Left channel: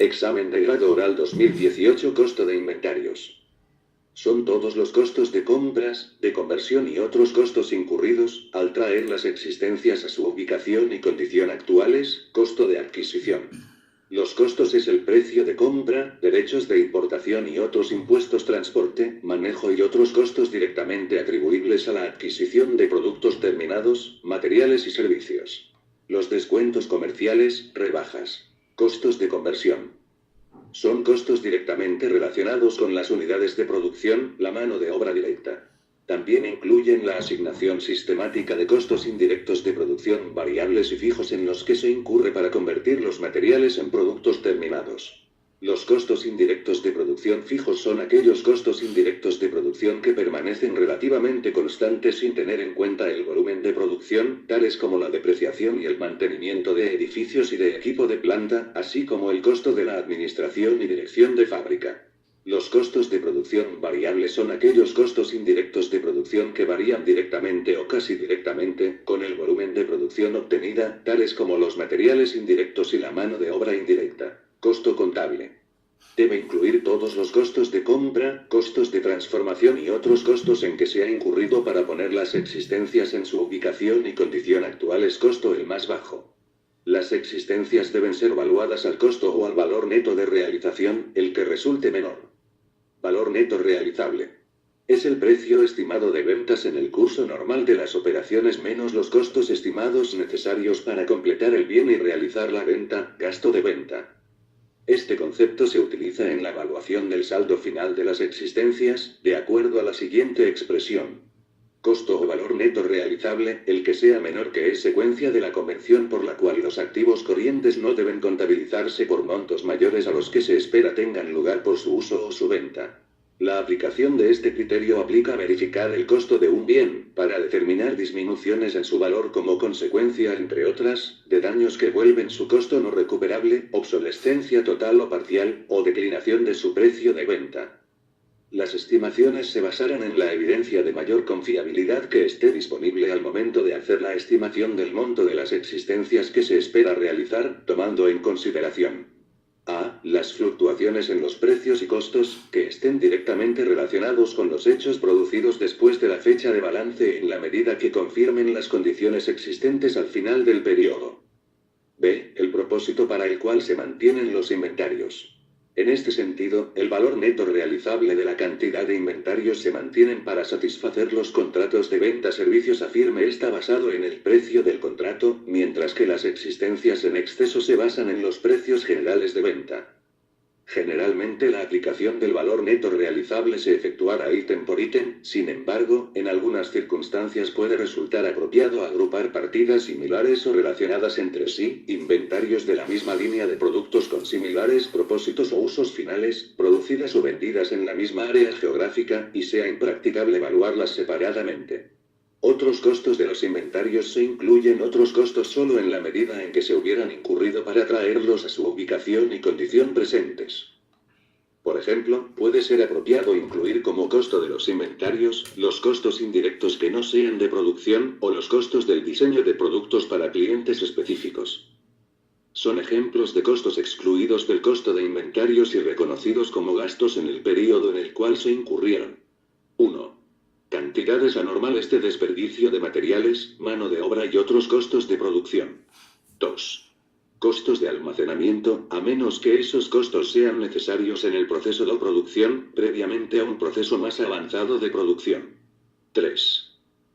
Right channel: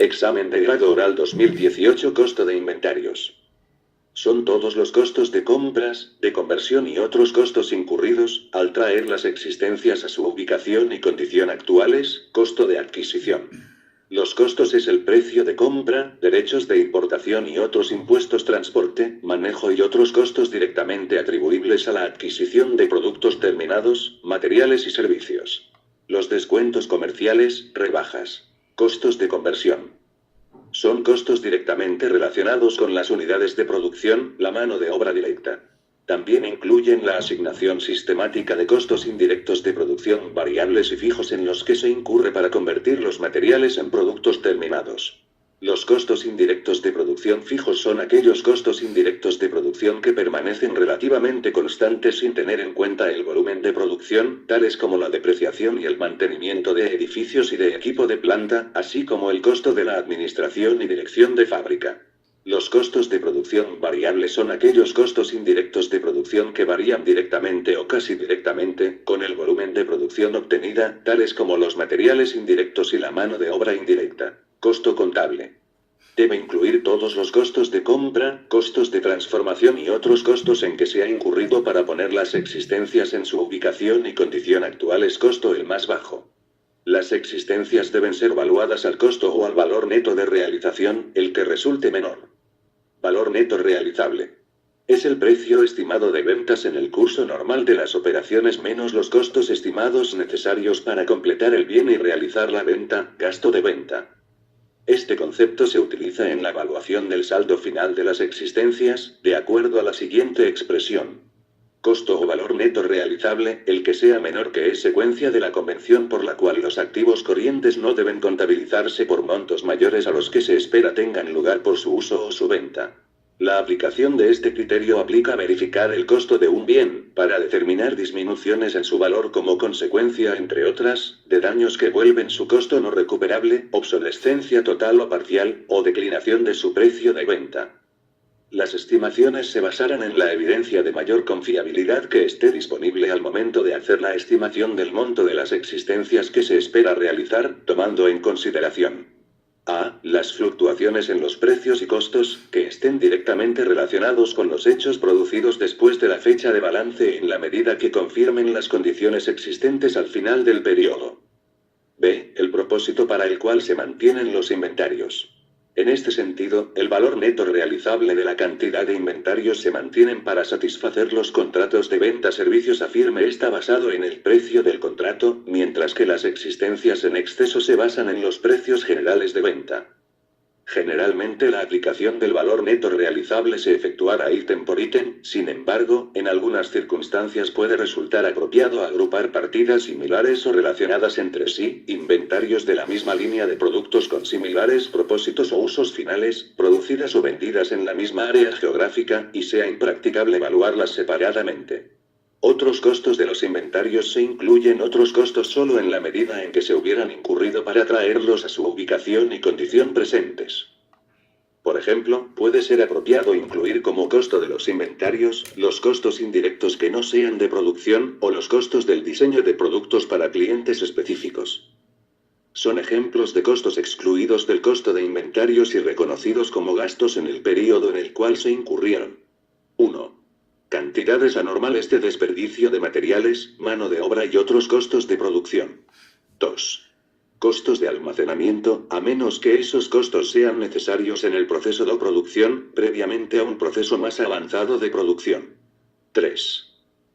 Examen de grado oral 2018. Costo de inventarios. Son todos los costos de compras, de conversión y otros costos incurridos al traer las existencias a su ubicación y condición actuales. Costo de adquisición. Los costos es el precio de compra, derechos de importación y otros impuestos, transporte, manejo y otros costos directamente atribuibles a la adquisición de productos terminados, materiales y servicios. Los descuentos comerciales, rebajas. Costos de conversión. Son costos directamente relacionados con las unidades de producción, la mano de obra directa. También incluyen la asignación sistemática de costos indirectos de producción variables y fijos en los que se incurre para convertir los materiales en productos terminados. Los costos indirectos de producción fijos son aquellos costos indirectos de producción que permanecen relativamente constantes sin tener en cuenta el volumen de producción, tales como la depreciación y el mantenimiento de edificios y de equipo de planta, así como el costo de la administración y dirección de fábrica. Los costos de producción variables son aquellos costos indirectos de producción que varían directamente o casi directamente con el volumen de producción obtenida, tales como los materiales indirectos y la mano de obra indirecta. Costo contable. Debe incluir todos los costos de compra, costos de transformación y otros costos en que se ha incurrido para poner las existencias en su ubicación y condición actuales. Costo el más bajo. Las existencias deben ser valuadas al costo o al valor neto de realización, el que resulte menor. Valor neto realizable. Es el precio estimado de ventas en el curso normal de las operaciones menos los costos estimados necesarios para completar el bien y realizar la venta, gasto de venta. Este concepto se utiliza en la evaluación del saldo final de las existencias, de acuerdo a la siguiente expresión. Costo o valor neto realizable, el que sea menor que es secuencia de la convención por la cual los activos corrientes no deben contabilizarse por montos mayores a los que se espera tengan lugar por su uso o su venta. La aplicación de este criterio aplica a verificar el costo de un bien, para determinar disminuciones en su valor como consecuencia, entre otras, de daños que vuelven su costo no recuperable, obsolescencia total o parcial, o declinación de su precio de venta. Las estimaciones se basarán en la evidencia de mayor confiabilidad que esté disponible al momento de hacer la estimación del monto de las existencias que se espera realizar, tomando en consideración a. Las fluctuaciones en los precios y costos, que estén directamente relacionados con los hechos producidos después de la fecha de balance en la medida que confirmen las condiciones existentes al final del periodo. B. El propósito para el cual se mantienen los inventarios. En este sentido, el valor neto realizable de la cantidad de inventarios se mantienen para satisfacer los contratos de venta-servicios a firme está basado en el precio del contrato, mientras que las existencias en exceso se basan en los precios generales de venta. Generalmente la aplicación del valor neto realizable se efectuará ítem por ítem, sin embargo, en algunas circunstancias puede resultar apropiado agrupar partidas similares o relacionadas entre sí, inventarios de la misma línea de productos con similares propósitos o usos finales, producidas o vendidas en la misma área geográfica, y sea impracticable evaluarlas separadamente. Otros costos de los inventarios se incluyen otros costos solo en la medida en que se hubieran incurrido para traerlos a su ubicación y condición presentes. Por ejemplo, puede ser apropiado incluir como costo de los inventarios, los costos indirectos que no sean de producción, o los costos del diseño de productos para clientes específicos. Son ejemplos de costos excluidos del costo de inventarios y reconocidos como gastos en el período en el cual se incurrieron. 1. Cantidades anormales de desperdicio de materiales, mano de obra y otros costos de producción. 2. Costos de almacenamiento, a menos que esos costos sean necesarios en el proceso de producción, previamente a un proceso más avanzado de producción. 3.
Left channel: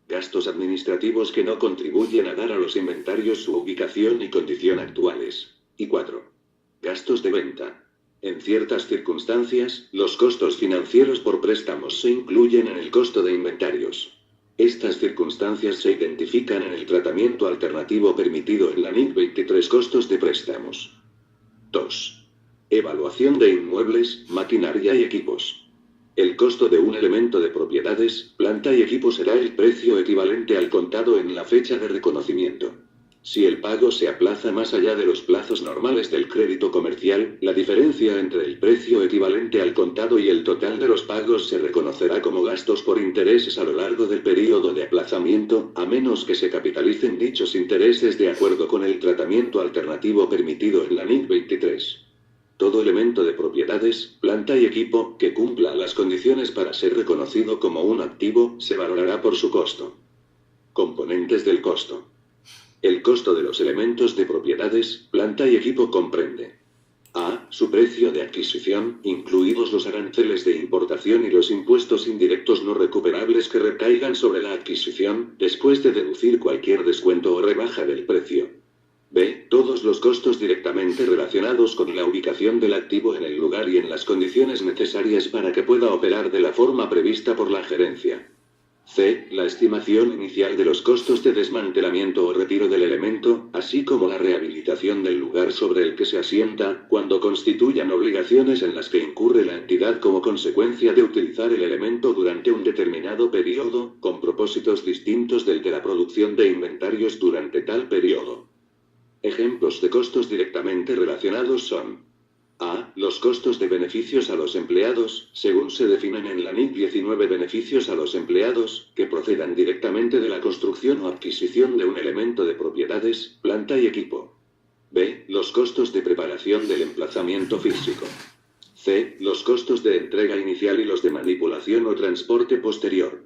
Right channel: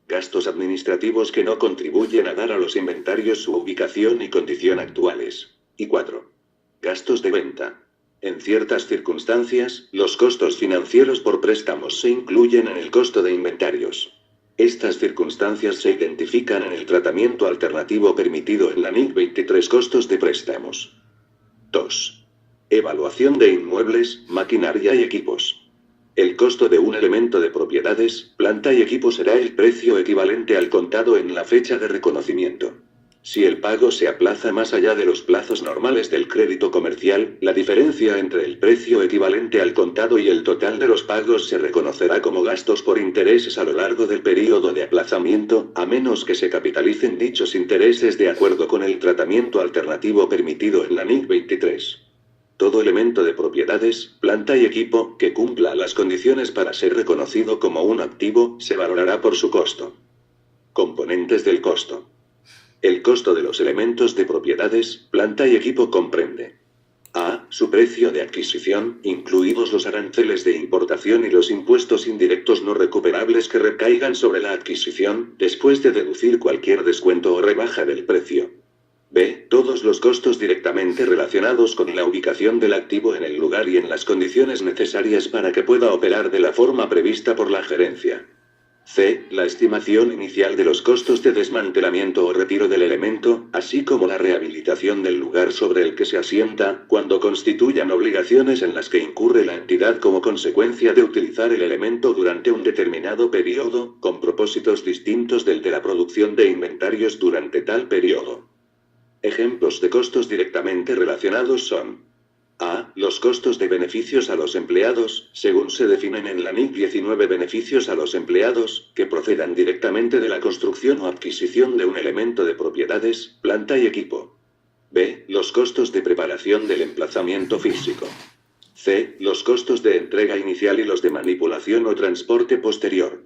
Gastos administrativos que no contribuyen a dar a los inventarios su ubicación y condición actuales. Y 4. Gastos de venta. En ciertas circunstancias, los costos financieros por préstamos se incluyen en el costo de inventarios. Estas circunstancias se identifican en el tratamiento alternativo permitido en la NIC 23. Costos de préstamos. 2. Evaluación de inmuebles, maquinaria y equipos. El costo de un elemento de propiedades, planta y equipo será el precio equivalente al contado en la fecha de reconocimiento. Si el pago se aplaza más allá de los plazos normales del crédito comercial, la diferencia entre el precio equivalente al contado y el total de los pagos se reconocerá como gastos por intereses a lo largo del período de aplazamiento, a menos que se capitalicen dichos intereses de acuerdo con el tratamiento alternativo permitido en la NIC 23. Todo elemento de propiedades, planta y equipo, que cumpla las condiciones para ser reconocido como un activo, se valorará por su costo. Componentes del costo. El costo de los elementos de propiedades, planta y equipo comprende: A. Su precio de adquisición, incluidos los aranceles de importación y los impuestos indirectos no recuperables que recaigan sobre la adquisición, después de deducir cualquier descuento o rebaja del precio. B. Todos los costos directamente relacionados con la ubicación del activo en el lugar y en las condiciones necesarias para que pueda operar de la forma prevista por la gerencia. C. La estimación inicial de los costos de desmantelamiento o retiro del elemento, así como la rehabilitación del lugar sobre el que se asienta, cuando constituyan obligaciones en las que incurre la entidad como consecuencia de utilizar el elemento durante un determinado periodo, con propósitos distintos del de la producción de inventarios durante tal periodo. Ejemplos de costos directamente relacionados son: A. Los costos de beneficios a los empleados, según se definen en la NIC 19. Beneficios a los empleados, que procedan directamente de la construcción o adquisición de un elemento de propiedades, planta y equipo. B. Los costos de preparación del emplazamiento físico. C. Los costos de entrega inicial y los de manipulación o transporte posterior.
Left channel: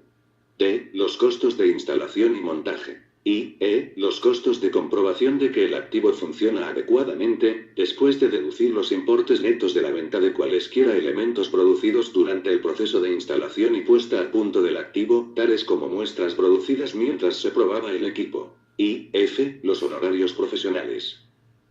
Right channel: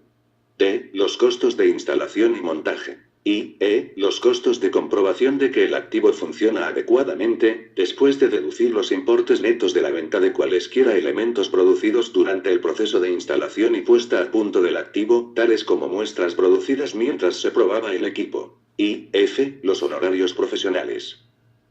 D. Los costos de instalación y montaje. Y E. Los costos de comprobación de que el activo funciona adecuadamente, después de deducir los importes netos de la venta de cualesquiera elementos producidos durante el proceso de instalación y puesta a punto del activo, tales como muestras producidas mientras se probaba el equipo. Y F. Los honorarios profesionales.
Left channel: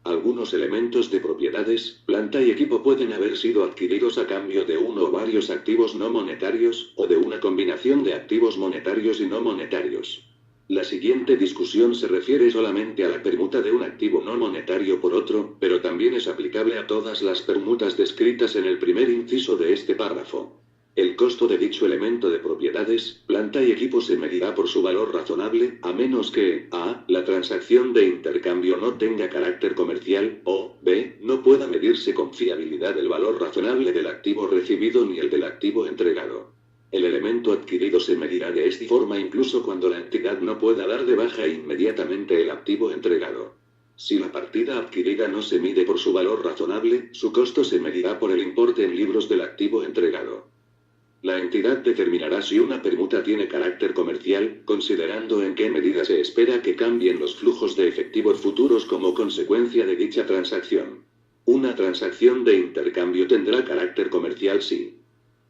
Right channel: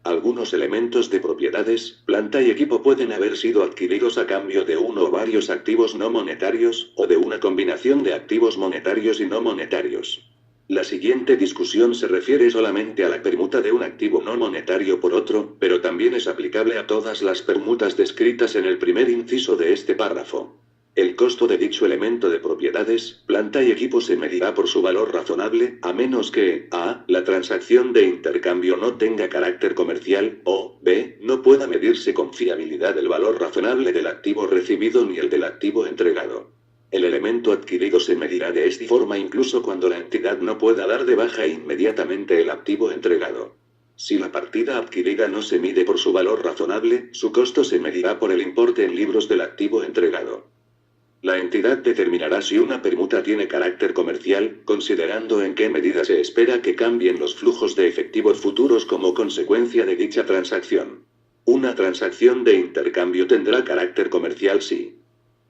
Algunos elementos de propiedades, planta y equipo pueden haber sido adquiridos a cambio de uno o varios activos no monetarios, o de una combinación de activos monetarios y no monetarios. La siguiente discusión se refiere solamente a la permuta de un activo no monetario por otro, pero también es aplicable a todas las permutas descritas en el primer inciso de este párrafo. El costo de dicho elemento de propiedades, planta y equipo se medirá por su valor razonable, a menos que a. La transacción de intercambio no tenga carácter comercial, o b. No pueda medirse con fiabilidad el valor razonable del activo recibido ni el del activo entregado. El elemento adquirido se medirá de esta forma incluso cuando la entidad no pueda dar de baja inmediatamente el activo entregado. Si la partida adquirida no se mide por su valor razonable, su costo se medirá por el importe en libros del activo entregado. La entidad determinará si una permuta tiene carácter comercial, considerando en qué medida se espera que cambien los flujos de efectivo futuros como consecuencia de dicha transacción. Una transacción de intercambio tendrá carácter comercial si:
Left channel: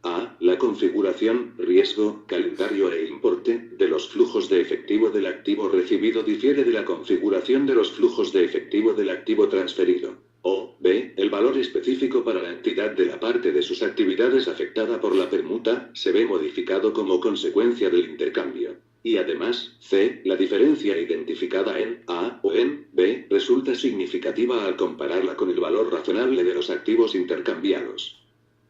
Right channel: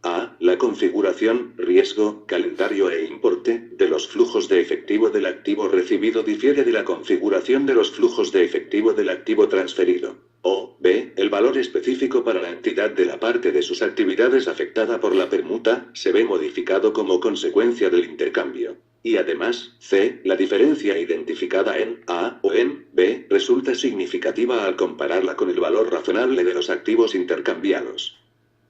a. La configuración, riesgo, calendario e importe de los flujos de efectivo del activo recibido difiere de la configuración de los flujos de efectivo del activo transferido. O b. El valor específico para la entidad de la parte de sus actividades afectada por la permuta se ve modificado como consecuencia del intercambio. Y además, c. La diferencia identificada en A o en B resulta significativa al compararla con el valor razonable de los activos intercambiados.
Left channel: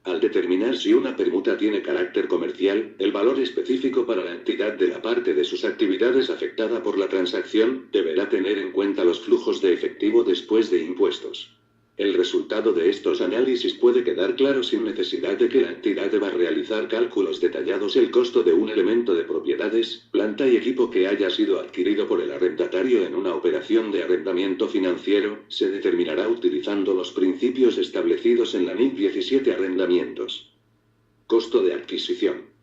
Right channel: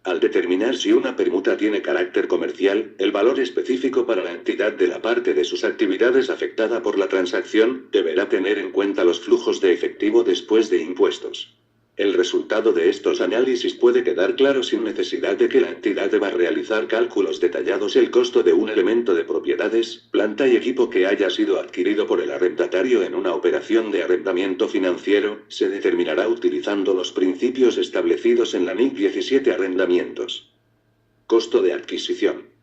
Al determinar si una permuta tiene carácter comercial, el valor específico para la entidad de la parte de sus actividades afectada por la transacción deberá tener en cuenta los flujos de efectivo después de impuestos. El resultado de estos análisis puede quedar claro sin necesidad de que la entidad deba realizar cálculos detallados. El costo de un elemento de propiedades, planta y equipo que haya sido adquirido por el arrendatario en una operación de arrendamiento financiero, se determinará utilizando los principios establecidos en la NIC 17. Arrendamientos. Costo de adquisición.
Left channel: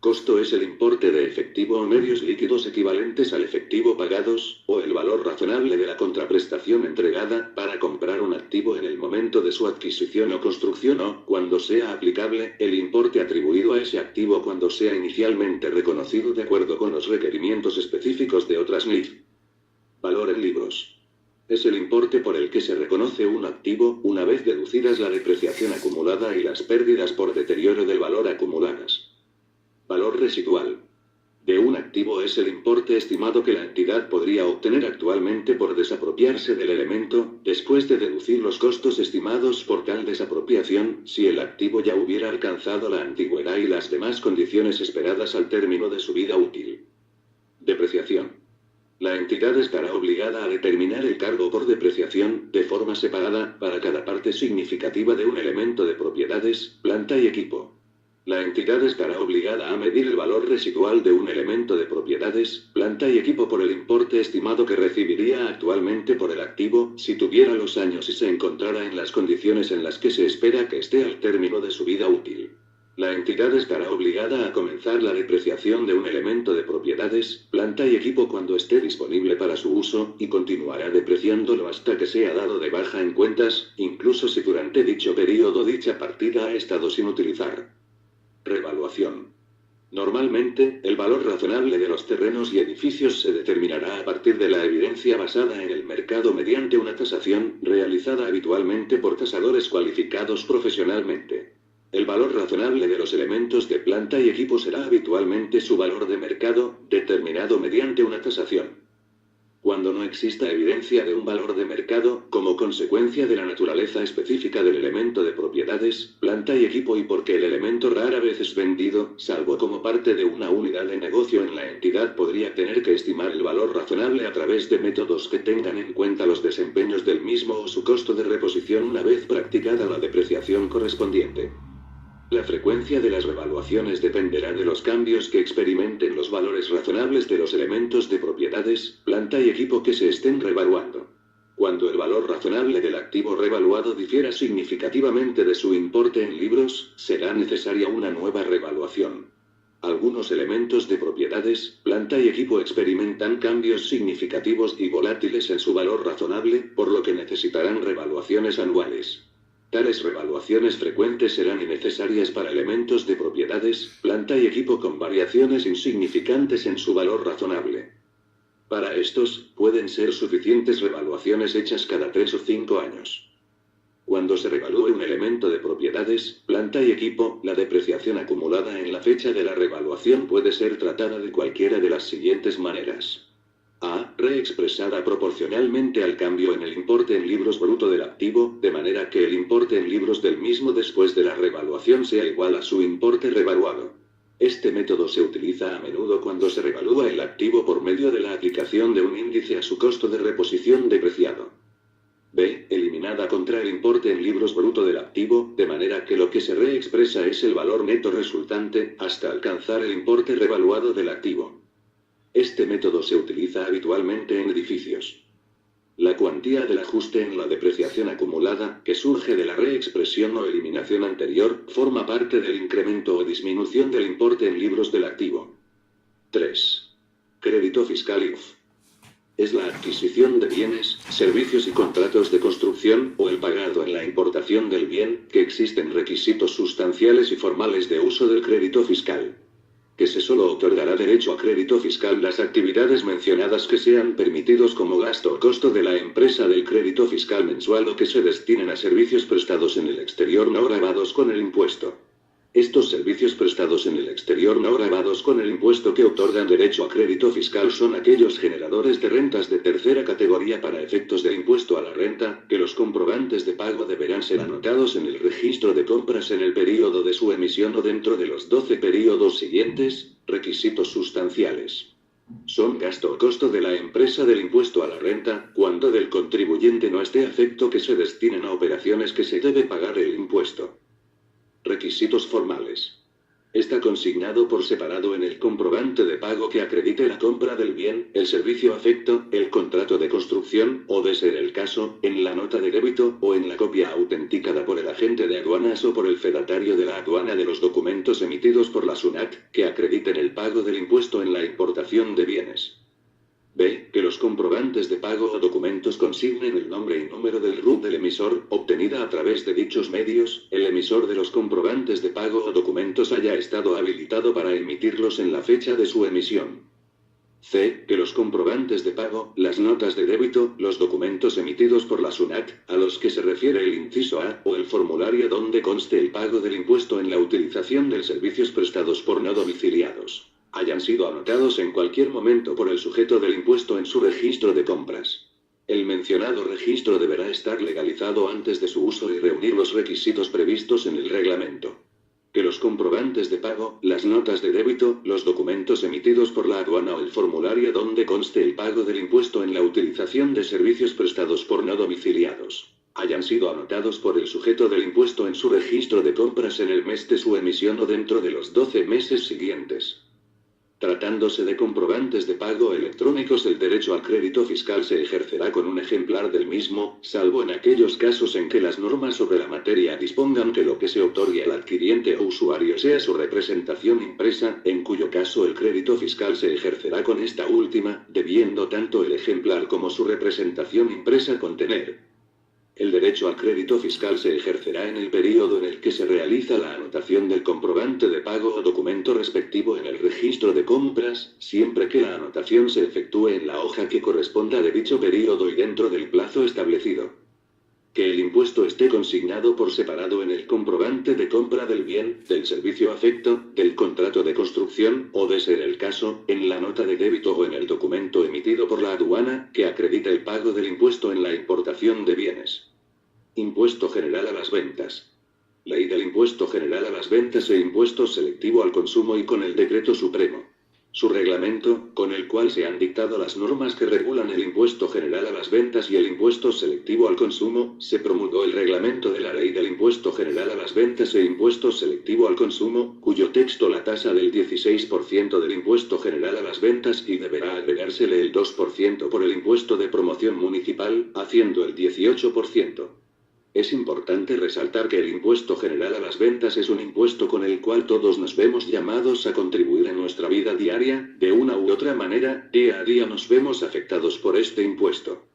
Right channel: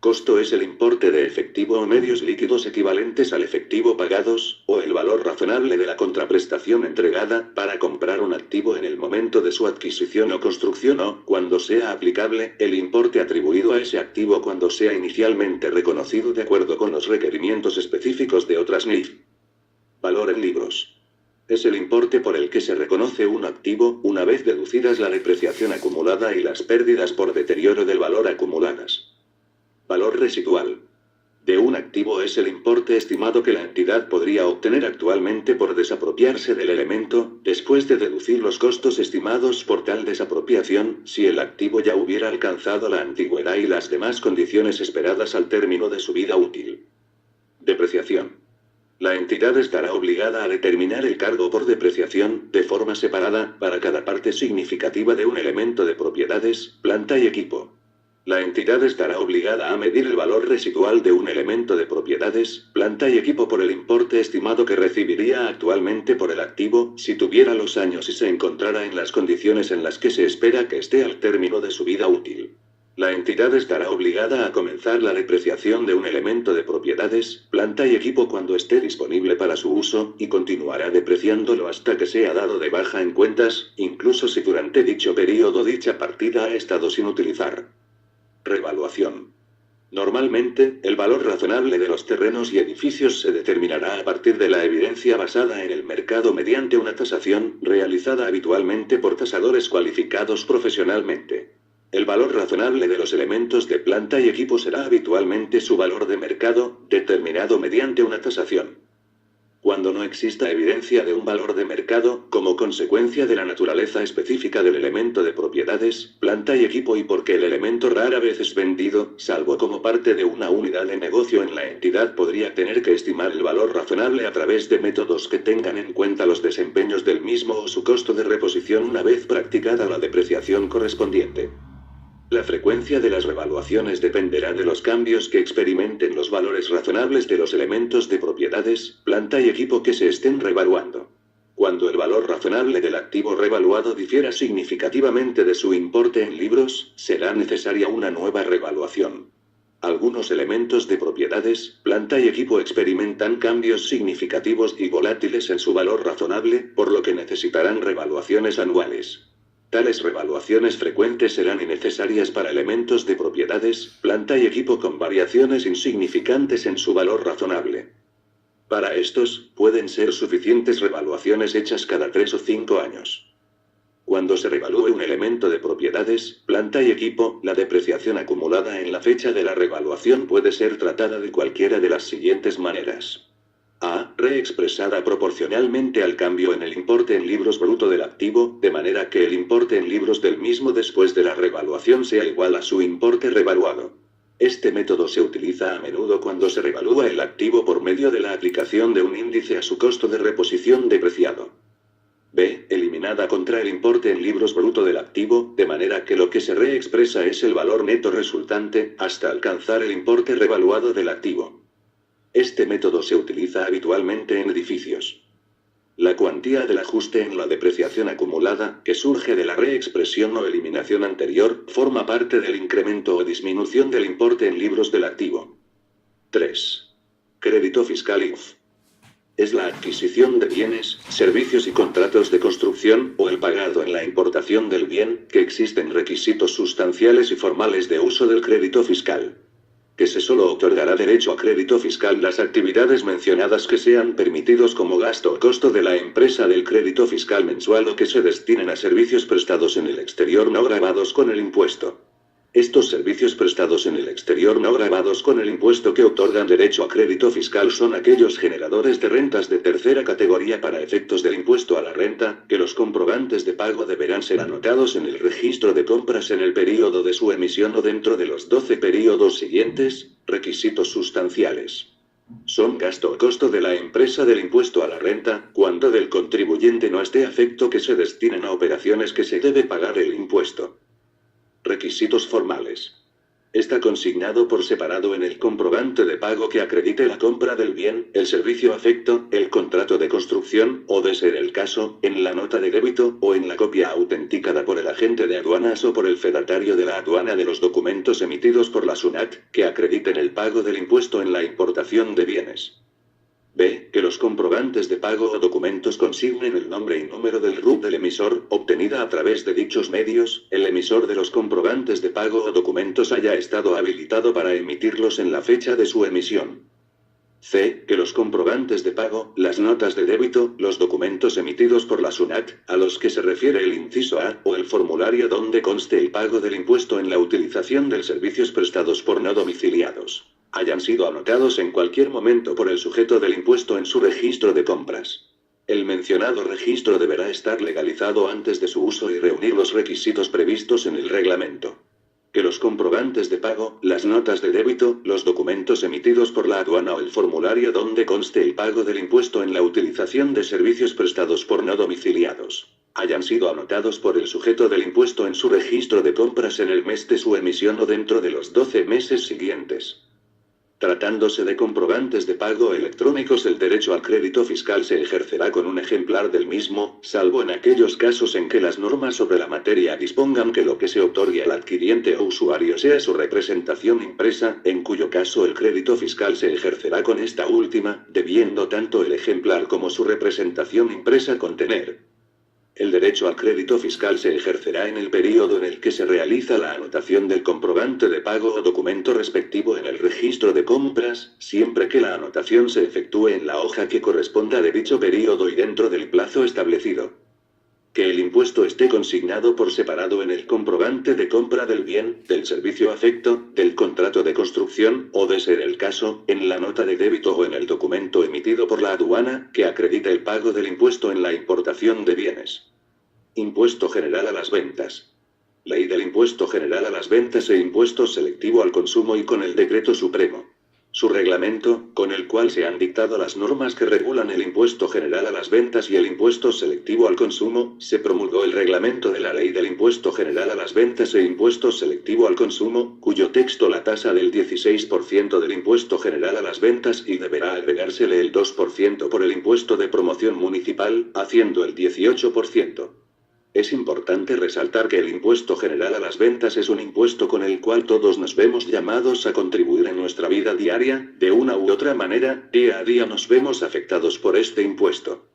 Costo es el importe de efectivo o medios líquidos equivalentes al efectivo pagados, o el valor razonable de la contraprestación entregada, para comprar un activo en el momento de su adquisición o construcción o, cuando sea aplicable, el importe atribuido a ese activo cuando sea inicialmente reconocido de acuerdo con los requerimientos específicos de otras NIF. Valor en libros. Es el importe por el que se reconoce un activo, una vez deducidas la depreciación acumulada y las pérdidas por deterioro del valor acumuladas. Valor residual de un activo es el importe estimado que la entidad podría obtener actualmente por desapropiarse del elemento, después de deducir los costos estimados por tal desapropiación, si el activo ya hubiera alcanzado la antigüedad y las demás condiciones esperadas al término de su vida útil. Depreciación. La entidad estará obligada a determinar el cargo por depreciación, de forma separada, para cada parte significativa de un elemento de propiedades, planta y equipo. La entidad estará obligada a medir el valor residual de un elemento de propiedades, planta y equipo por el importe estimado que recibiría actualmente por el activo, si tuviera los años y se encontrara en las condiciones en las que se espera que esté al término de su vida útil. La entidad estará obligada a comenzar la depreciación de un elemento de propiedades, planta y equipo cuando esté disponible para su uso, y continuará depreciándolo hasta que sea dado de baja en cuentas, incluso si durante dicho periodo dicha partida ha estado sin utilizar. Revaluación. Normalmente, el valor razonable de los terrenos y edificios se determinará a partir de la evidencia basada en el mercado mediante una tasación, realizada habitualmente por tasadores cualificados profesionalmente. El valor razonable de los elementos de planta y equipo será habitualmente su valor de mercado, determinado mediante una tasación. Cuando no exista evidencia de un valor de mercado, como consecuencia de la naturaleza específica del elemento de propiedades, planta y equipo y porque el elemento rara vez es vendido, salvo como parte de una unidad de negocio en la entidad, podría tener que estimar el valor razonable a través de métodos que tengan en cuenta los desempeños del mismo o su costo de reposición una vez practicada la depreciación correspondiente. La frecuencia de las revaluaciones dependerá de los cambios que experimenten los valores razonables de los elementos de propiedades, planta y equipo que se estén revaluando. Cuando el valor razonable del activo revaluado difiera significativamente de su importe en libros, será necesaria una nueva revaluación. Algunos elementos de propiedades, planta y equipo experimentan cambios significativos y volátiles en su valor razonable, por lo que necesitarán revaluaciones anuales. Tales revaluaciones frecuentes serán innecesarias para elementos de propiedades, planta y equipo con variaciones insignificantes en su valor razonable. Para estos, pueden ser suficientes revaluaciones hechas cada 3 o 5 años. Cuando se revalúe un elemento de propiedades, planta y equipo, la depreciación acumulada en la fecha de la revaluación puede ser tratada de cualquiera de las siguientes maneras. A. Reexpresada proporcionalmente al cambio en el importe en libros bruto del activo, de manera que el importe en libros del mismo después de la revaluación sea igual a su importe revaluado. Este método se utiliza a menudo cuando se revalúa el activo por medio de la aplicación de un índice a su costo de reposición depreciado. B. Eliminada contra el importe en libros bruto del activo, de manera que lo que se reexpresa es el valor neto resultante, hasta alcanzar el importe revaluado del activo. Este método se utiliza habitualmente en edificios. La cuantía del ajuste en la depreciación acumulada, que surge de la reexpresión o eliminación anterior, forma parte del incremento o disminución del importe en libros del activo. 3. Crédito fiscal IF. Es la adquisición de bienes, servicios y contratos de construcción, o el pagado en la importación del bien, que existen requisitos sustanciales y formales de uso del crédito fiscal. Que se solo otorgará derecho a crédito fiscal las actividades mencionadas que sean permitidos como gasto o costo de la empresa del crédito fiscal mensual o que se destinen a servicios prestados en el exterior no gravados con el impuesto. Estos servicios prestados en el exterior no gravados con el impuesto que otorgan derecho a crédito fiscal son aquellos generadores de rentas de tercera categoría para efectos del impuesto a la renta, que los comprobantes de pago deberán ser anotados en el registro de compras en el período de su emisión o dentro de los 12 períodos siguientes. Requisitos sustanciales. Son gasto o costo de la empresa del impuesto a la renta, cuando del contribuyente no esté afecto que se destinen a operaciones que se debe pagar el impuesto. Requisitos formales. Está consignado por separado en el comprobante de pago que acredite la compra del bien, el servicio afecto, el contrato de construcción, o de ser el caso, en la nota de débito, o en la copia autenticada por el agente de aduanas o por el fedatario de la aduana de los documentos emitidos por la SUNAT, que acrediten el pago del impuesto en la importación de bienes. B. Que los comprobantes de pago o documentos consignen el nombre y número del RUT del emisor, obtenida a través de dichos medios, el emisor de los comprobantes de pago o documentos haya estado habilitado para emitirlos en la fecha de su emisión. C. Que los comprobantes de pago, las notas de débito, los documentos emitidos por la SUNAT, a los que se refiere el inciso A, o el formulario donde conste el pago del impuesto en la utilización de servicios prestados por no domiciliados, hayan sido anotados en cualquier momento por el sujeto del impuesto en su registro de compras. El mencionado registro deberá estar legalizado antes de su uso y reunir los requisitos previstos en el reglamento. Que los comprobantes de pago, las notas de débito, los documentos emitidos por la aduana o el formulario donde conste el pago del impuesto en la utilización de servicios prestados por no domiciliados, hayan sido anotados por el sujeto del impuesto en su registro de compras en el mes de su emisión o dentro de los 12 meses siguientes. Tratándose de comprobantes de pago electrónicos, el derecho al crédito fiscal se ejercerá con un ejemplar del mismo, salvo en aquellos casos en que las normas sobre la materia dispongan que lo que se otorgue al adquiriente o usuario sea su representación impresa, en cuyo caso el crédito fiscal se ejercerá con esta última, debiendo tanto el ejemplar como su representación impresa contener. El derecho al crédito fiscal se ejercerá en el período en el que se realiza la anotación del comprobante de pago o documento respectivo en el registro de compras, siempre que la anotación se efectúe en la hoja que corresponda de dicho período y dentro del plazo establecido. Que el impuesto esté consignado por separado en el comprobante de compra del bien, del servicio afecto, del contrato de construcción, o de ser el caso, en la nota de débito o en el documento emitido por la aduana, que acredite el pago del impuesto en la importación de bienes. Impuesto general a las ventas. Ley del Impuesto General a las Ventas e Impuesto Selectivo al Consumo y con el Decreto Supremo. Su reglamento, con el cual se han dictado las normas que regulan el Impuesto General a las Ventas y el Impuesto Selectivo al Consumo, se promulgó el reglamento de la Ley del Impuesto General a las Ventas e Impuesto Selectivo al Consumo, cuyo texto la tasa del 16% del Impuesto General a las Ventas y deberá agregársele el 2% por el Impuesto de Promoción Municipal, haciendo el 18%. Es importante resaltar que el Impuesto General a las Ventas es un impuesto con el cual todos nos vemos llamados a contribuir en nuestra vida diaria, de una u otra manera, día a día nos vemos afectados por este impuesto.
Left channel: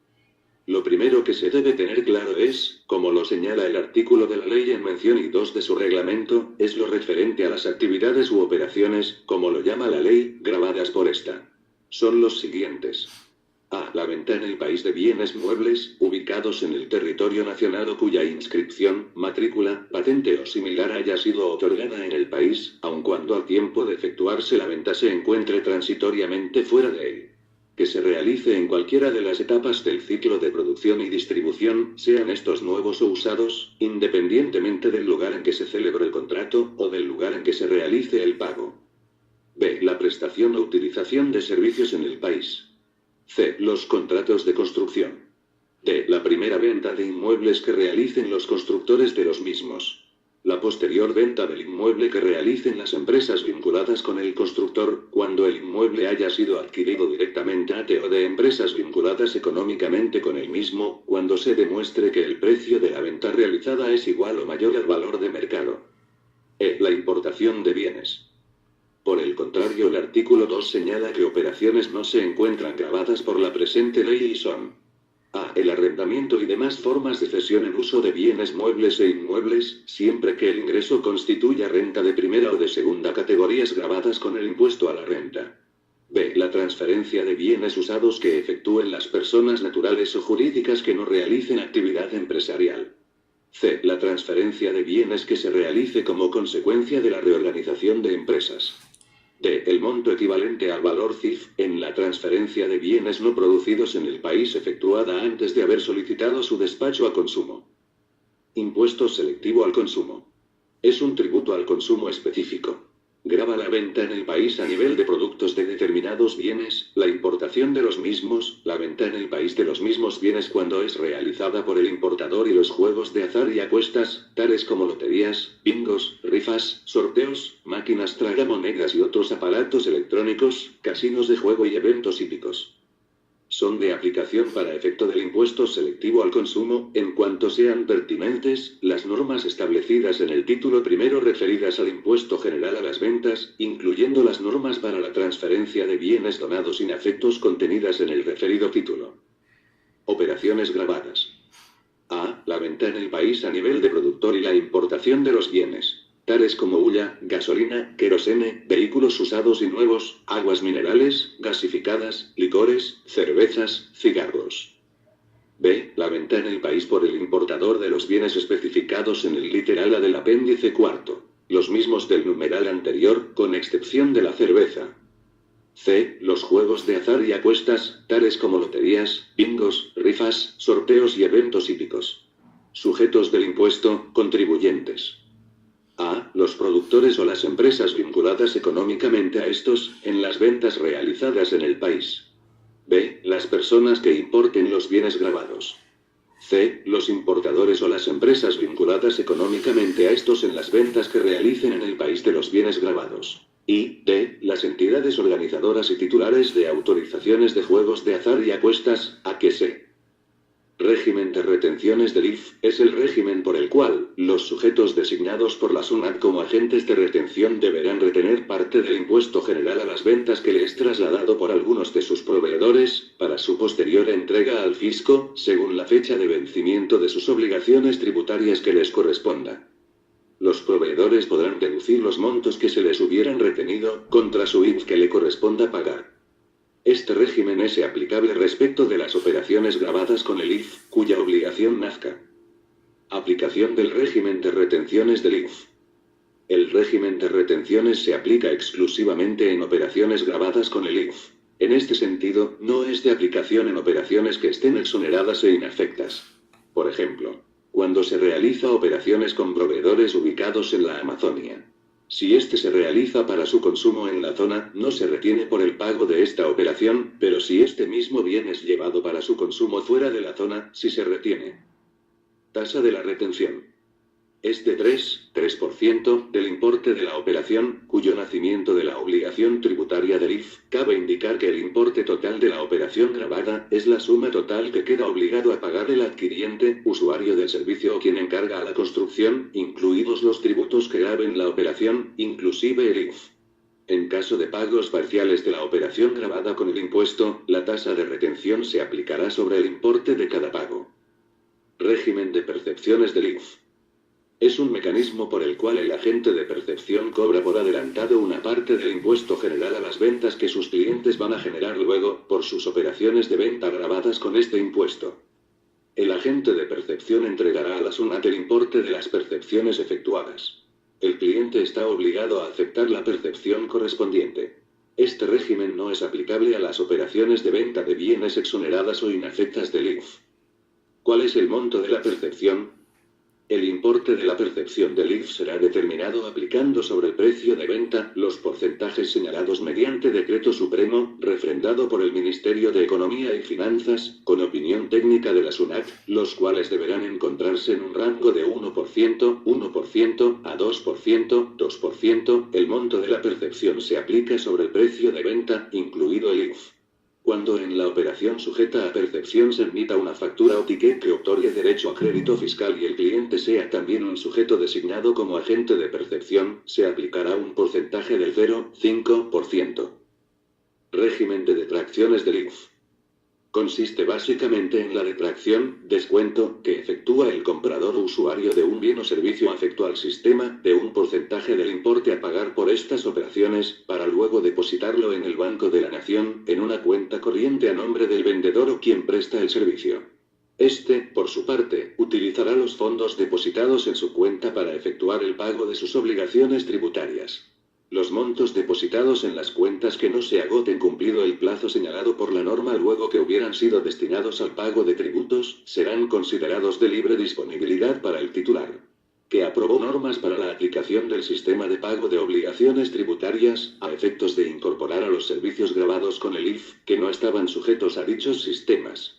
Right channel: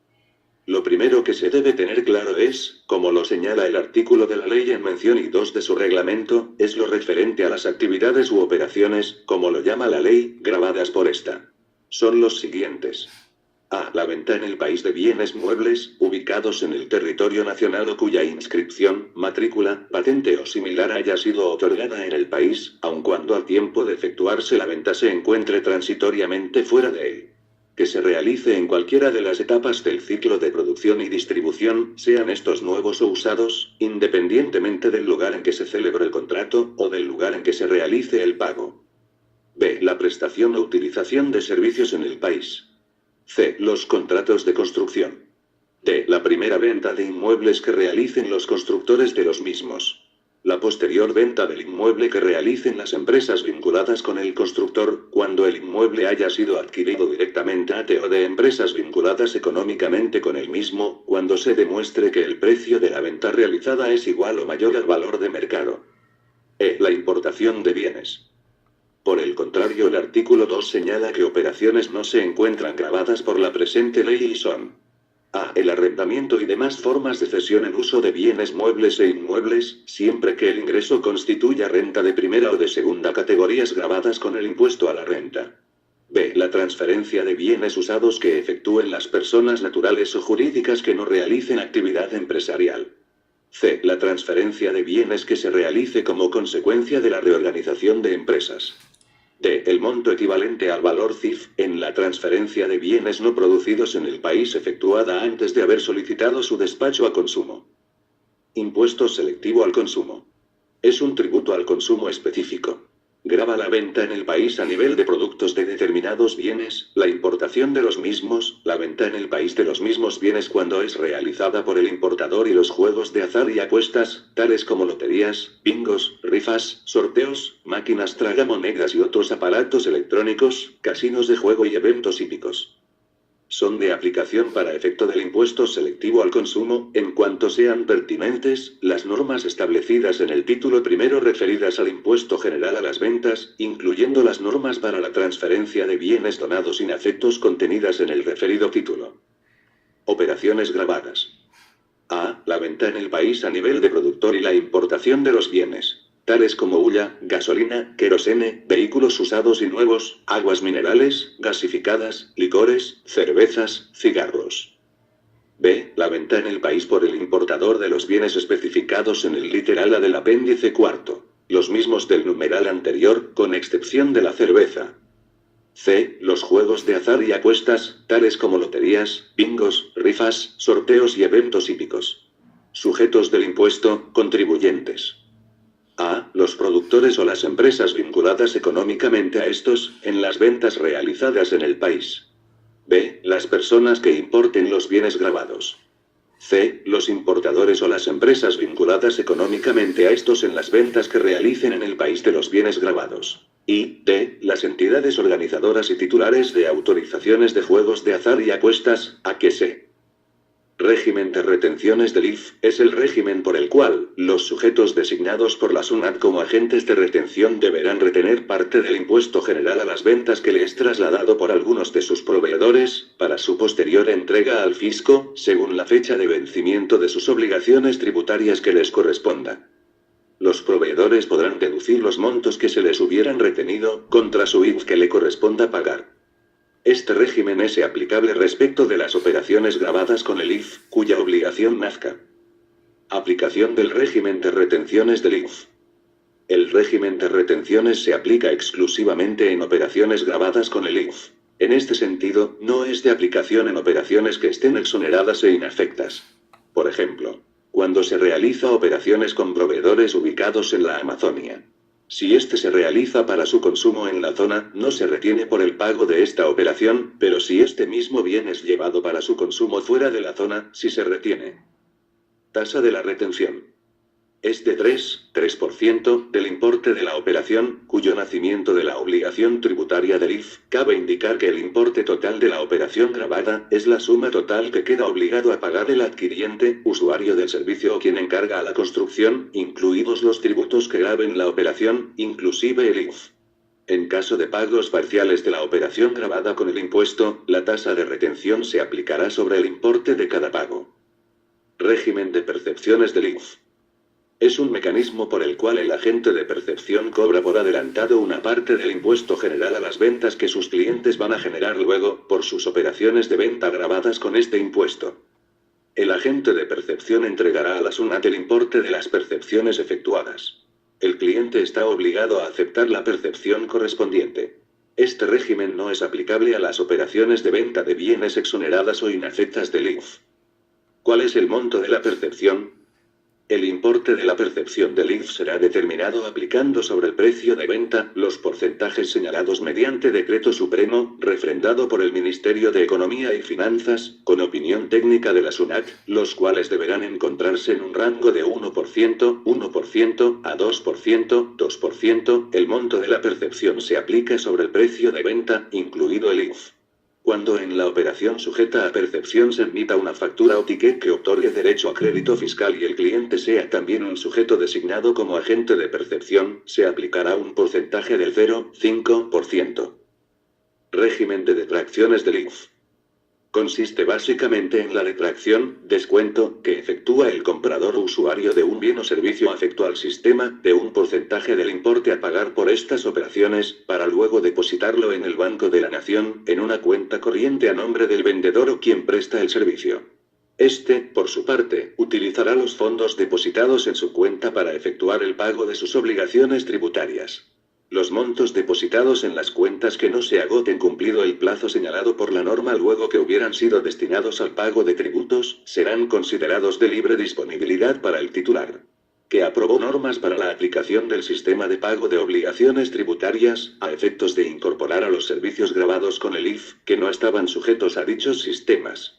Lo primero que se debe tener claro es, como lo señala el artículo de la ley en mención y 2 de su reglamento, es lo referente a las actividades u operaciones, como lo llama la ley, gravadas por esta. Son los siguientes. A. La venta en el país de bienes muebles, ubicados en el territorio nacional o cuya inscripción, matrícula, patente o similar haya sido otorgada en el país, aun cuando al tiempo de efectuarse la venta se encuentre transitoriamente fuera de él. Que se realice en cualquiera de las etapas del ciclo de producción y distribución, sean estos nuevos o usados, independientemente del lugar en que se celebre el contrato, o del lugar en que se realice el pago. B. La prestación o utilización de servicios en el país. C. Los contratos de construcción. D. La primera venta de inmuebles que realicen los constructores de los mismos. La posterior venta del inmueble que realicen las empresas vinculadas con el constructor, cuando el inmueble haya sido adquirido directamente o de empresas vinculadas económicamente con el mismo, cuando se demuestre que el precio de la venta realizada es igual o mayor al valor de mercado. E. La importación de bienes. Por el contrario, el artículo 2 señala que operaciones no se encuentran gravadas por la presente ley y son: A. El arrendamiento y demás formas de cesión en uso de bienes muebles e inmuebles, siempre que el ingreso constituya renta de primera o de segunda categorías gravadas con el impuesto a la renta. B. La transferencia de bienes usados que efectúen las personas naturales o jurídicas que no realicen actividad empresarial. C. La transferencia de bienes que se realice como consecuencia de la reorganización de empresas. D. El monto equivalente al valor CIF, en la transferencia de bienes no producidos en el país efectuada antes de haber solicitado su despacho a consumo. Impuesto selectivo al consumo. Es un tributo al consumo específico. Grava la venta en el país a nivel de productos de determinados bienes, la importación de los mismos, la venta en el país de los mismos bienes cuando es realizada por el importador y los juegos de azar y apuestas, tales como loterías, bingos, rifas, sorteos, máquinas tragamonedas y otros aparatos electrónicos, casinos de juego y eventos hípicos. Son de aplicación para efecto del impuesto selectivo al consumo, en cuanto sean pertinentes, las normas establecidas en el título primero referidas al impuesto general a las ventas, incluyendo las normas para la transferencia de bienes donados sin afectos contenidas en el referido título. Operaciones gravadas. A. La venta en el país a nivel de productor y la importación de los bienes, tales como hulla, gasolina, querosene, vehículos usados y nuevos, aguas minerales, gasificadas, licores, cervezas, cigarros. B. La venta en el país por el importador de los bienes especificados en el literal A del apéndice cuarto, los mismos del numeral anterior, con excepción de la cerveza. C. Los juegos de azar y apuestas, tales como loterías, bingos, rifas, sorteos y eventos hípicos. Sujetos del impuesto, contribuyentes. A. Los productores o las empresas vinculadas económicamente a estos, en las ventas realizadas en el país. B. Las personas que importen los bienes gravados. C. Los importadores o las empresas vinculadas económicamente a estos en las ventas que realicen en el país de los bienes gravados. Y D. Las entidades organizadoras y titulares de autorizaciones de juegos de azar y apuestas, a que se. Régimen de retenciones del IF es el régimen por el cual los sujetos designados por la SUNAT como agentes de retención deberán retener parte del impuesto general a las ventas que le es trasladado por algunos de sus proveedores, para su posterior entrega al fisco, según la fecha de vencimiento de sus obligaciones tributarias que les corresponda. Los proveedores podrán deducir los montos que se les hubieran retenido contra su IF que le corresponda pagar. Este régimen es aplicable respecto de las operaciones gravadas con el IF, cuya obligación nazca. Aplicación del régimen de retenciones del IF. El régimen de retenciones se aplica exclusivamente en operaciones gravadas con el IF. En este sentido, no es de aplicación en operaciones que estén exoneradas e inafectas. Por ejemplo, cuando se realiza operaciones con proveedores ubicados en la Amazonia. Si éste se realiza para su consumo en la zona, no se retiene por el pago de esta operación, pero si este mismo bien es llevado para su consumo fuera de la zona, sí se retiene. Tasa de la retención. Es de 3% del importe de la operación, cuyo nacimiento de la obligación tributaria del IF. Cabe indicar que el importe total de la operación gravada es la suma total que queda obligado a pagar el adquiriente, usuario del servicio o quien encarga a la construcción, incluidos los tributos que graven la operación, inclusive el IF. En caso de pagos parciales de la operación gravada con el impuesto, la tasa de retención se aplicará sobre el importe de cada pago. Régimen de percepciones del IF. Es un mecanismo por el cual el agente de percepción cobra por adelantado una parte del impuesto general a las ventas que sus clientes van a generar luego, por sus operaciones de venta gravadas con este impuesto. El agente de percepción entregará a la SUNAT el importe de las percepciones efectuadas. El cliente está obligado a aceptar la percepción correspondiente. Este régimen no es aplicable a las operaciones de venta de bienes exoneradas o inafectas del IF. ¿Cuál es el monto de la percepción? El importe de la percepción del IF será determinado aplicando sobre el precio de venta los porcentajes señalados mediante decreto supremo, refrendado por el Ministerio de Economía y Finanzas, con opinión técnica de la SUNAT, los cuales deberán encontrarse en un rango de 1% a 2%. El monto de la percepción se aplica sobre el precio de venta, incluido el IF. Cuando en la operación sujeta a percepción se emita una factura o ticket que otorgue derecho a crédito fiscal y el cliente sea también un sujeto designado como agente de percepción, se aplicará un porcentaje del 0,5%. Régimen de detracciones del IF. Consiste básicamente en la detracción, descuento, que efectúa el comprador o usuario de un bien o servicio afecto al sistema, de un porcentaje del importe a pagar por estas operaciones, para luego depositarlo en el Banco de la Nación, en una cuenta corriente a nombre del vendedor o quien presta el servicio. Este, por su parte, utilizará los fondos depositados en su cuenta para efectuar el pago de sus obligaciones tributarias. Los montos depositados en las cuentas que no se agoten cumplido el plazo señalado por la norma luego que hubieran sido destinados al pago de tributos, serán considerados de libre disponibilidad para el titular, que aprobó normas para la aplicación del sistema de pago de obligaciones tributarias, a efectos de incorporar a los servicios gravados con el IF, que no estaban sujetos a dichos sistemas.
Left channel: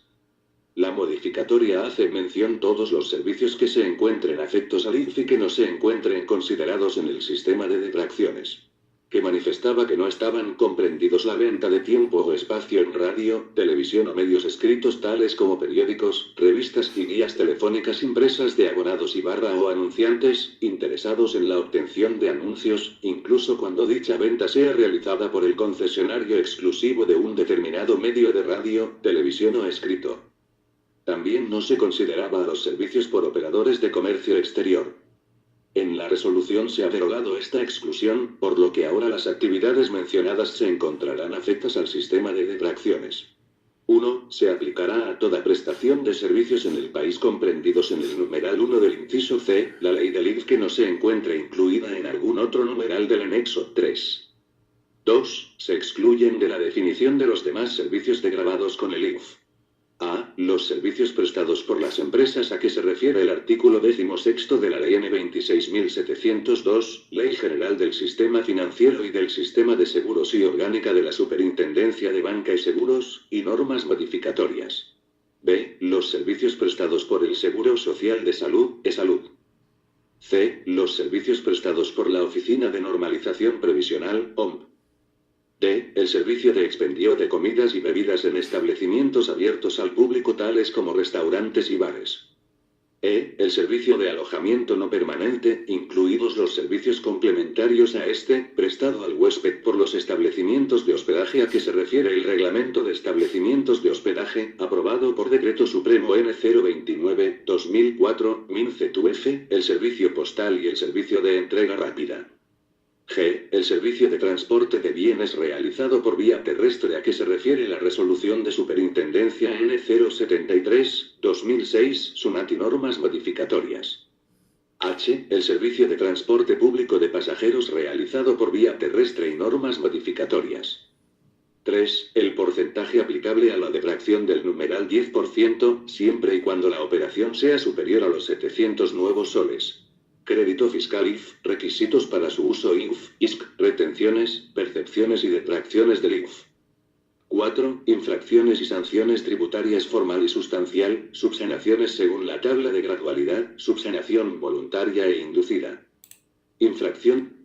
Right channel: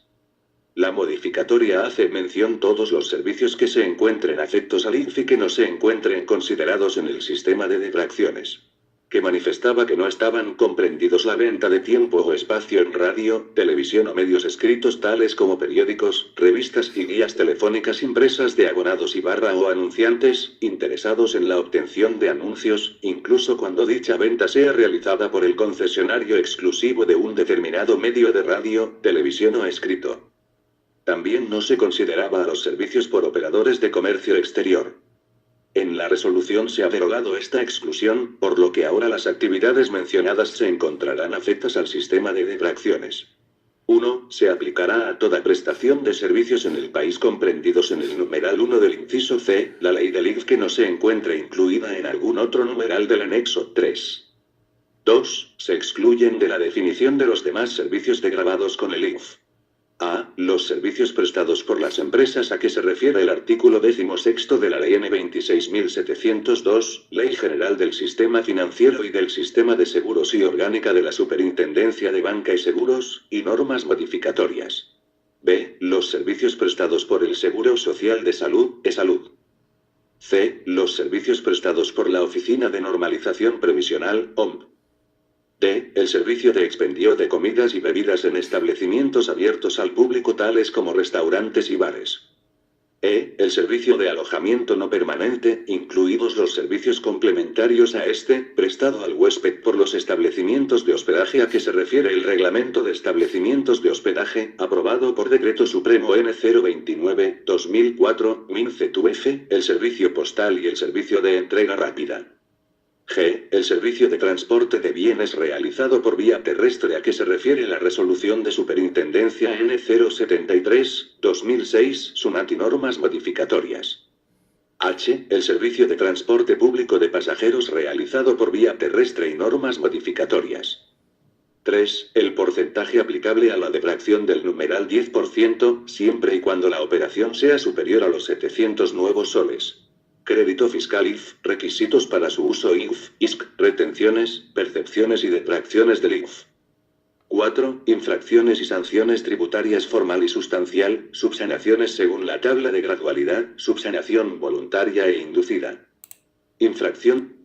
La modificatoria hace mención todos los servicios que se encuentren afectos al IF y que no se encuentren considerados en el sistema de detracciones. Que manifestaba que no estaban comprendidos la venta de tiempo o espacio en radio, televisión o medios escritos tales como periódicos, revistas y guías telefónicas impresas de abonados y o anunciantes, interesados en la obtención de anuncios, incluso cuando dicha venta sea realizada por el concesionario exclusivo de un determinado medio de radio, televisión o escrito. También no se consideraba a los servicios por operadores de comercio exterior. En la resolución se ha derogado esta exclusión, por lo que ahora las actividades mencionadas se encontrarán afectas al sistema de detracciones. 1. Se aplicará a toda prestación de servicios en el país comprendidos en el numeral 1 del inciso C, la ley del IF que no se encuentre incluida en algún otro numeral del anexo 3. 2. Se excluyen de la definición de los demás servicios degravados con el IF. A. Los servicios prestados por las empresas a que se refiere el artículo 16 de la Ley N. 26.702, Ley General del Sistema Financiero y del Sistema de Seguros y Orgánica de la Superintendencia de Banca y Seguros, y normas modificatorias. B. Los servicios prestados por el Seguro Social de Salud, e-Salud. C. Los servicios prestados por la Oficina de Normalización Previsional, OMP. D. El servicio de expendio de comidas y bebidas en establecimientos abiertos al público tales como restaurantes y bares. E. El servicio de alojamiento no permanente, incluidos los servicios complementarios a este, prestado al huésped por los establecimientos de hospedaje a que se refiere el Reglamento de Establecimientos de Hospedaje, aprobado por Decreto Supremo N. 029/2004, MINCETUF, el servicio postal y el servicio de entrega rápida. G. El servicio de transporte de bienes realizado por vía terrestre a que se refiere la resolución de Superintendencia N. 073/2006, SUNAT y normas modificatorias. H. El servicio de transporte público de pasajeros realizado por vía terrestre y normas modificatorias. 3. El porcentaje aplicable a la detracción del numeral 10%, siempre y cuando la operación sea superior a los 700 nuevos soles. Crédito fiscal IF, requisitos para su uso IF, ISC, retenciones, percepciones y detracciones del IF. 4. Infracciones y sanciones tributarias formal y sustancial, subsanaciones según la tabla de gradualidad, subsanación voluntaria e inducida. Infracción.